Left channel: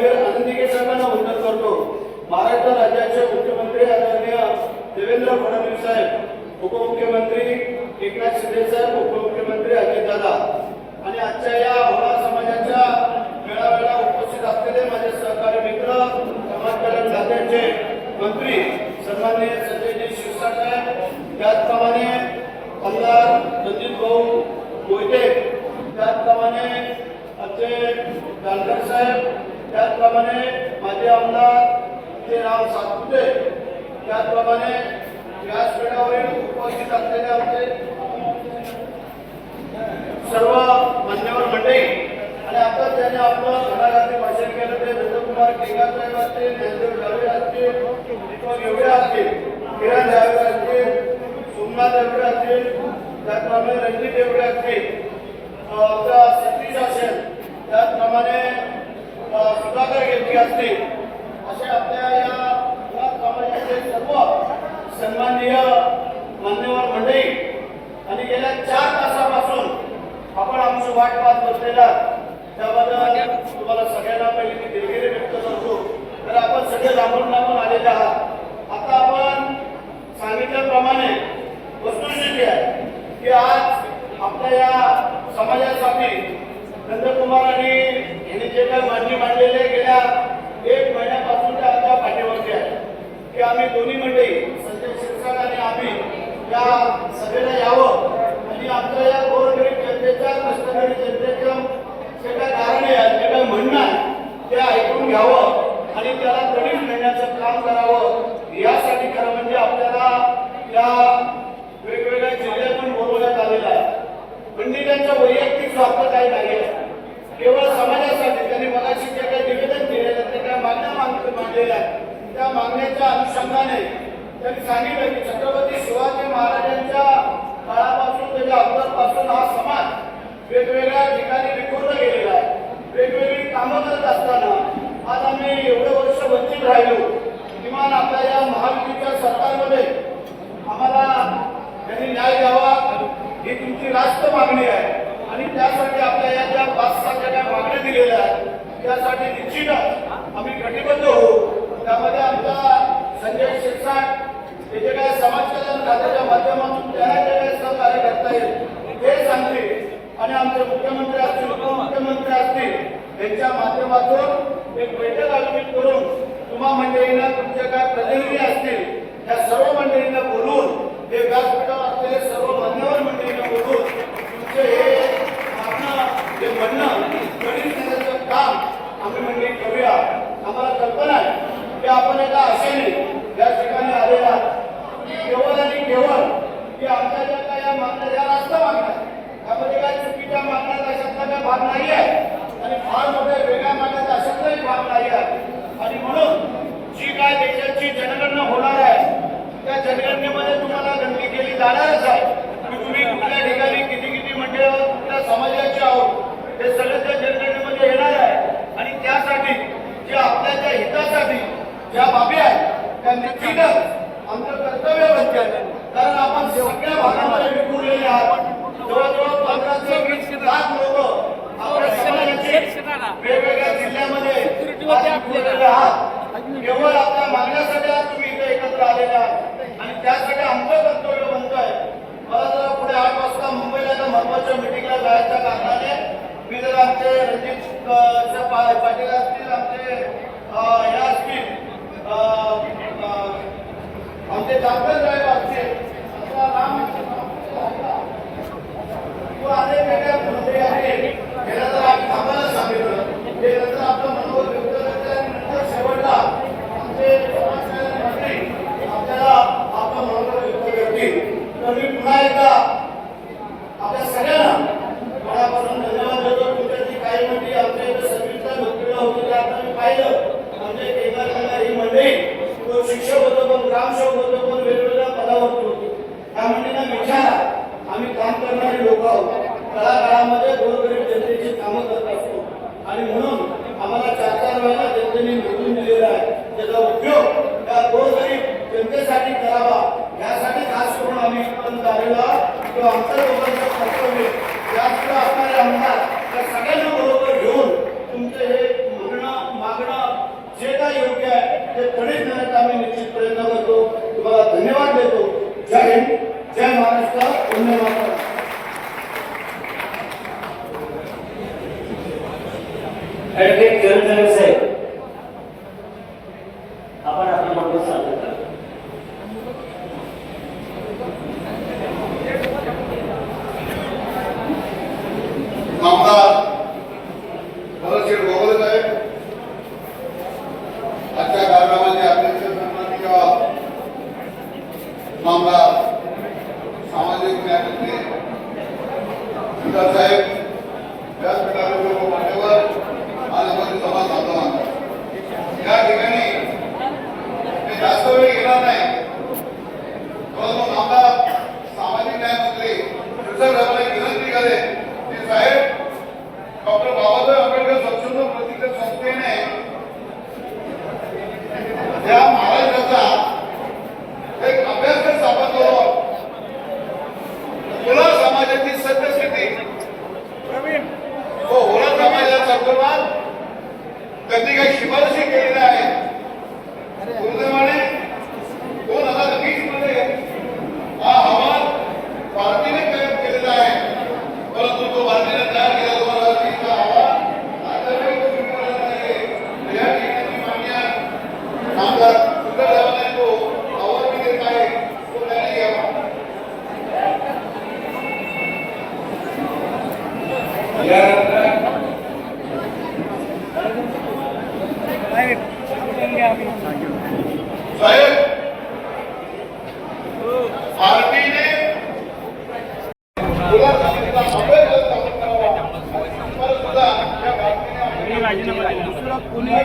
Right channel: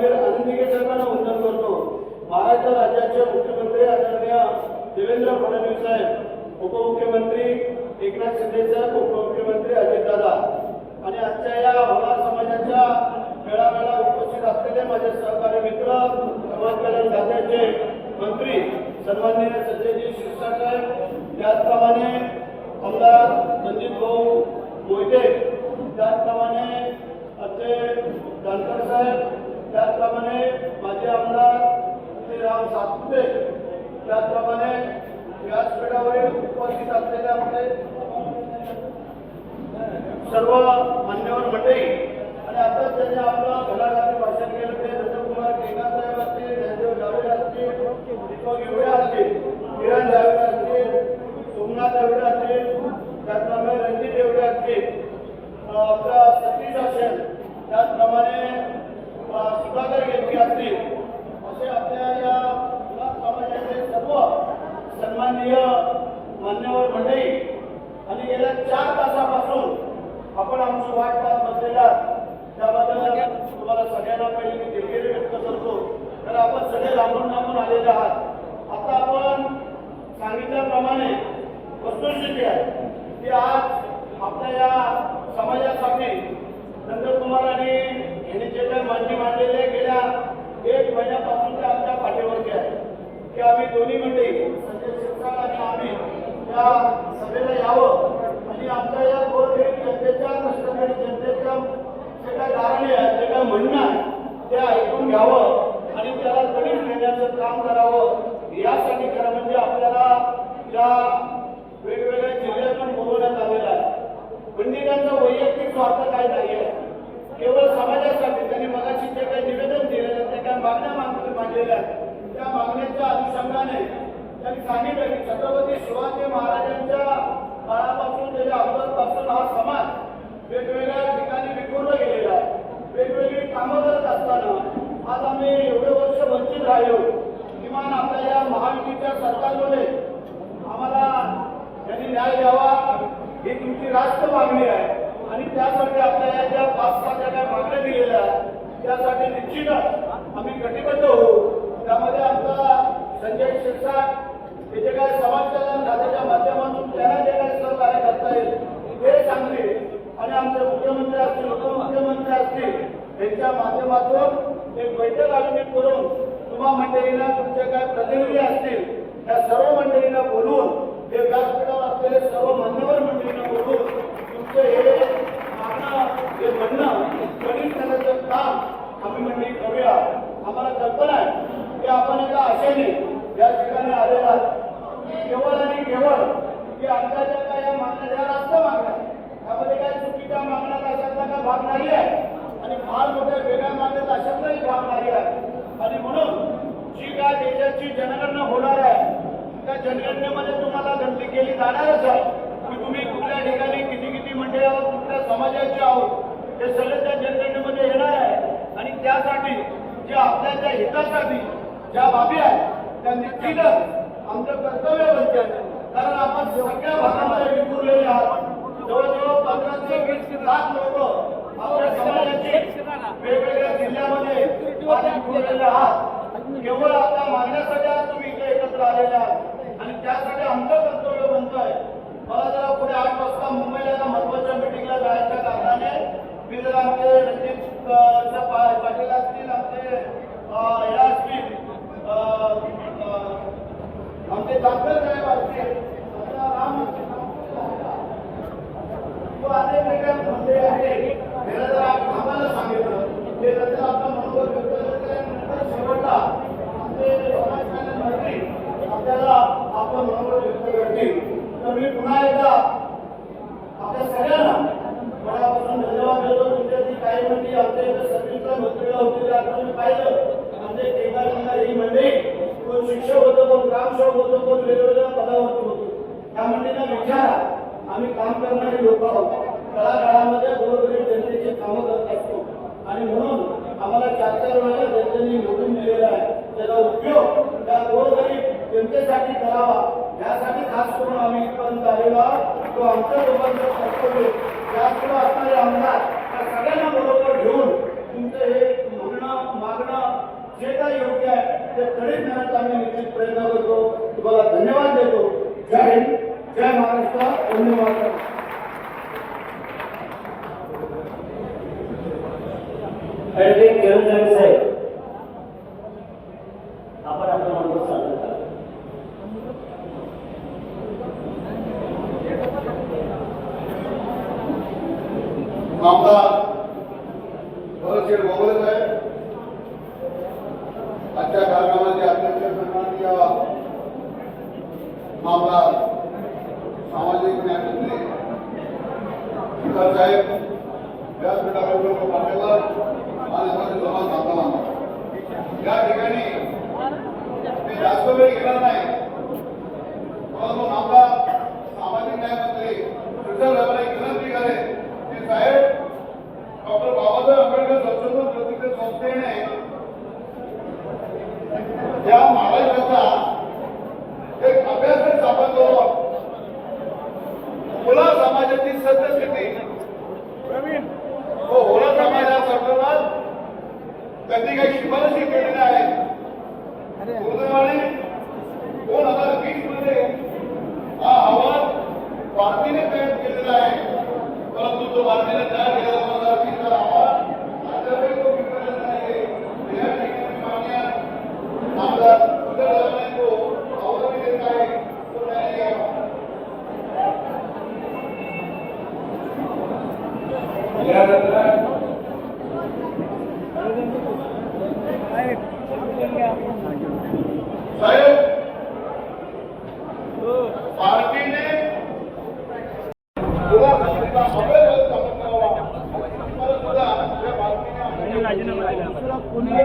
पक्षाच्या प्रतिनिधी करतो. महाराष्ट्र राज्याचे मुख्यमंत्री आदरणीय देवेंद्र फडणवीस साहेब उपमुख्यमंत्री एकनाथ शिंदे साहेब उपमुख्यमंत्री अजितदादा आणि आजच्या या होळा समाजाच्या मेळाव्याला उपस्थित असलेले माझे सहकारी मित्र समाज कल्याण खात्याचे मंत्री सन्माननीय संजयजी शिरसाट त्याचप्रमाणे आमदार रणजित भाऊ मोहिते त्याचप्रमाणे आमचे जानकर साहेब त्याचप्रमाणे माझे आमदार श्री राम सातपुते त्याचप्रमाणे व्यासपीठावरील उपस्थित असलेले आमचे सर्व मान्यवर मंडळी आणि आता त्यांनी आपलं घडाघाती भाषण केलं ते नंदकुमार केगार साहेब असतील ज्ञानदेव जावळे असतील दीपक एवढे असतील किरण जावळे असतील सोमनाथ एवढे असतील त्याचप्रमाणे रणजित एवढे असतील अं, आमचा सतीश असेल त्याचप्रमाणे सुधाकर गेटके असतील असे आपल्या या समाजाचे सर्व सन्माननीय मान्यवर मंडळी आणि गेल्या चार तासापासून आपण आमची वाट पाहत बसलेला त्याबद्दल तुम्हाला सगळ्यांना पहिली मी दिलगिरी व्यक्त करतो. तर आपण सगळे लांबून लांबून आलेले आहात आता आपण सांगितल्याप्रमाणे वस्तुस्थिती आहे की आज आपल्या या समाजासाठी नंदकुमारांनी यांनी जे काही मांडणी मांडलेले गेल्या एक महिन्यापासून ते आमच्या पाठीवरती आहे की आम्ही दोन्ही मंडळी संजय शिरसाट आणि आम्ही या सभेला यावं आणि आमच्या या गोरगरीब जनतेच्या कष्टकरी जनतेच्या जे काय कारणे आहेत जे काय म्हणणं आहे ते ऐकून घ्यावं आणि त्याला तडीस नेण्याचं काम करावं यासाठी खरं म्हणजे आपल्याला या वेगवेगळ्या जिल्ह्यातून बोलवण्यात आलेलं आहे म्हणजे त्यांचा वैयक्तिक स्वार्थ काही नाही आहे केवळ समाजासाठी त्यांनी मगाशी जे काही निवेदन दिलेलं आहे, ते काही मागण्या माग मांडलेल्या आहेत त्या मागण्याच्या अनुषंगाने त्यांनी सांगितलं की छत्रपती शिवाजी महाराजांच्या काळापासून त्याच्या अगोदरपासून हा समाज वेगवेगळ्या ठिकाणी विखुरला गेलेला आहे वेगवेगळी कामं करत असताना आज आम्ही एवढे वर्ष वंचित राहिलो किमान आपल्या या महायुतीच्या सरकारमध्ये आम्हाला त्यांनी न्याय द्यावा ही जास्त मागणी आहे. आणि त्यासाठी आपल्या या ज्या पाच सहा ज्या मागण्या दिलेल्या आहेत त्यासाठी निश्चितच आम्ही कटिबद्ध होऊ. त्यामध्ये आमचा संजय शिरसाट हे जे काय समाज कल्याण खात्याच्या माध्यमातून त्यांना जे काही सहकार्य करता येईल ते सांगतील. आणि आमचे मुख्यमंत्री असतील उपमुख्यमंत्री असतील त्यांच्या माध्यमातून एक बैठक आयोजित करून तुम्हा मंडळींना तुमचे काय प्रतिनिधी असतील त्या सर्व मंडळींना बोलून हे व्यासपीठावर असलेले सर्व मान्यवर मंडळींना बोलून भाग नाही आहे आणि फार मोठ्या वेगळ्या मागण्याचा अशातलाही भाग नाही आहे आणि म्हणून जी काय देशाची जनगणना होणार आहे त्या जनगणनेमध्ये तुम्हाला गणती केली जाणारच आहे की तुम्ही कुठल्या ठिकाणी किती किती मंडळी आहोत कुठल्या समाजाचे आहोत हे सगळं त्या जनगणनेमध्ये येणार आहे आणि त्यासाठी जे आपल्या त्या हितासाठी ज्या बाबी आहेत त्या निश्चितच आमचं कर्तव्य बनते कारण आपण सगळ्या भागामध्ये विखुरलेले आहात. जवळजवळ पंधरा ते वीस लाख लोक आपल्या समाजाचे वेगवेगळ्या जिल्ह्यामध्ये विखुरलेले आहात. केवळ आपल्या मागण्यासाठी आज तुम्ही इथे एकत्र आलेले आहात. आणि त्यासाठी आमचं कर्तव्य म्हणतोय मला जरा पुढे आठ वाजता मुंबईला एका महत्त्वाच्या मिटिंगला जायच्या कारणाने मी जर आमचे रणजित पाटील असतील आमचे अं, हे असतील अं, अं, आमचे जानकर साहेब असतील आता राम किंवा अनेक वेगळ्या मंडळी आहेत त्याला जर आपण थांबायला सांगितलं ते नंतर आपलं मनोबल व्यक्त करते आणि नंतर शेवटला आमचे समाजकल्याण मंत्री आपल्याला आपलं मनोबल व्यक्त करतील तर मी पुन्हा एकदा आपल्या सगळ्यांना मनापासून धन्यवाद देतो तुमच्याची काही मंडळी आमच्या इथे सर्विसला नोकरीला होती ते आता मी पाहिलं आमचे केदार मंडळ ही मंडळी कोण शिक्षक होतो कोण ग्रामसेवक होतो कोण वेगवेगळ्या पदावरती होतो त्या मंडळींना विचारा आम्ही काम करणारे लोक आहोत तळागाळामध्ये गोरगरीब जनतेची कामं करत असतो आणि म्हणून आम्हाला चार चार वेळा जनतेने निवडून दिलेला आहे त्याचा उपयोग त्या गोरगरीब जनतेसाठी करावा यासाठी खास करून आम्ही इथपर्यंत आलेलो तो आमचं लोकांचं कर्तव्य यापुढे असणारे आमदार त्या सगळ्यांना बरोबर घेऊन तुमचं हे म्हणणं मागणं जे काय योग्य आहे ते तडीत नेण्याचा आम्ही निश्चित प्रयत्न करतो. तुम्हाला धन्यवाद देतो. जय हिंद. जय महाराष्ट्र. धन्यवाद मातरम ऍडव्होकेट किरण साहेब आपण आपला म्हणतो सांगा आमदार भरतशेठ गोगोले साहेब आजच्या कार्यक्रमाचे अध्यक्ष सन्माननीय आमदार सामाजिक न्यायमंत्री सुधार साहेब व्यासपीठावर लोक मान्यवर आज आम्हाला सभा साधना या ठिकाणी Ukraine साहेब पार्टीने तुला सांगितलं अभ्यास स्थापन करावा तर सुद्धा या पार्टीने दुसरा कोणीही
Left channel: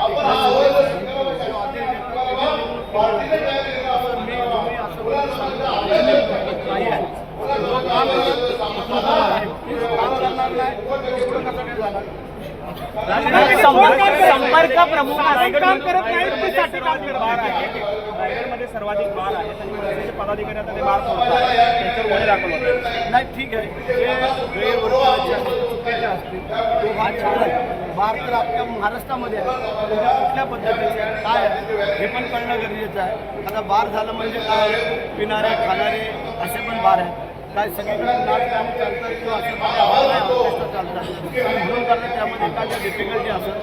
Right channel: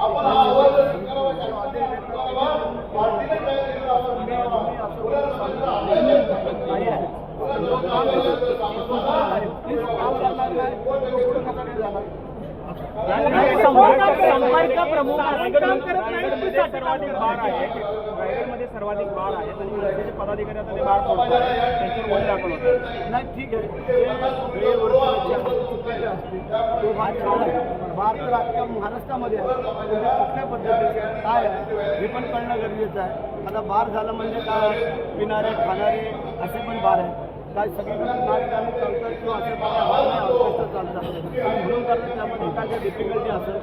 आपण हा अहवाल जर स्वीकारावा, स्वीकारावा, पार्टीने तयार केलेला अहवाल स्वीकारावा. तुला सांगितलं अभ्यास नाही आहे. तुला लोक आम्हाला सांगतात, हे काम करणार नाही. एवढं कसं काय झालं? संपर्क संपर्क प्रमुख काम करत नाहीत ते सर्वाधिक बार आहे रायगडमध्ये सर्वाधिक बार आहे. आणि मनसेचे पदाधिकारी आता ते बार फोडतात त्यांच्यावर वय दाखल होते. नाही ठीक आहे. ते गैरवर्तनाचे असतील चुकीचे असतील तो भाग छान आहे. बार तर अख्ख्या महाराष्ट्रामध्ये आहे. म्हणजे कुठल्या पद्धतीचे काय आहे? हे पण कळणं गरजेचं आहे. आता बार झालं म्हणजे काय? पिणारे खाणारे असे पण बार आहेत. काय सगळीकडे नाचगाणे चालतात किंवा असे पण बार नाही ऑर्केस्ट्रा चालतात. आणि म्हणून कारण त्यामध्ये एखाद्या डिफिकल्टी असेल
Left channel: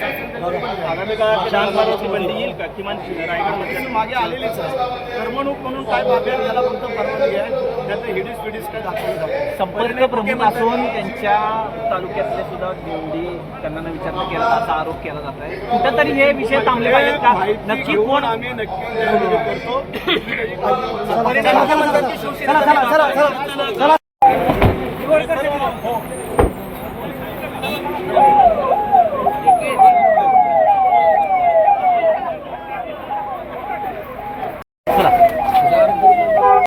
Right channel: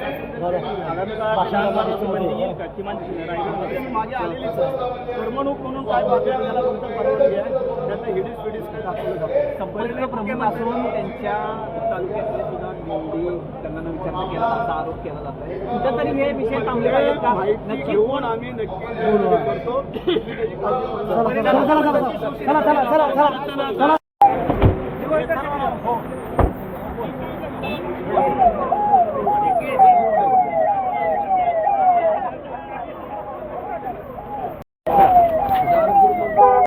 शासन. आगामी काळात शासनाची बंदी येईल का? किमान रायगडमध्ये. मागे आलेलीच आहे. करमणूक म्हणून काय बाबी आहे त्याला फक्त परवानगी आहे. त्यांना हिडीस पिडीस काय दाखवलं जातं संपर्क म्हणजे प्रमुख असून त्यांच्या तालुक्यातले सुद्धा निवडी त्यांना विचारणा केला असा आरोप केला जात आहे. कुठेतरी हे विषय थांबले पाहिजेत का? नक्की कोण? आम्ही नक्की करतो.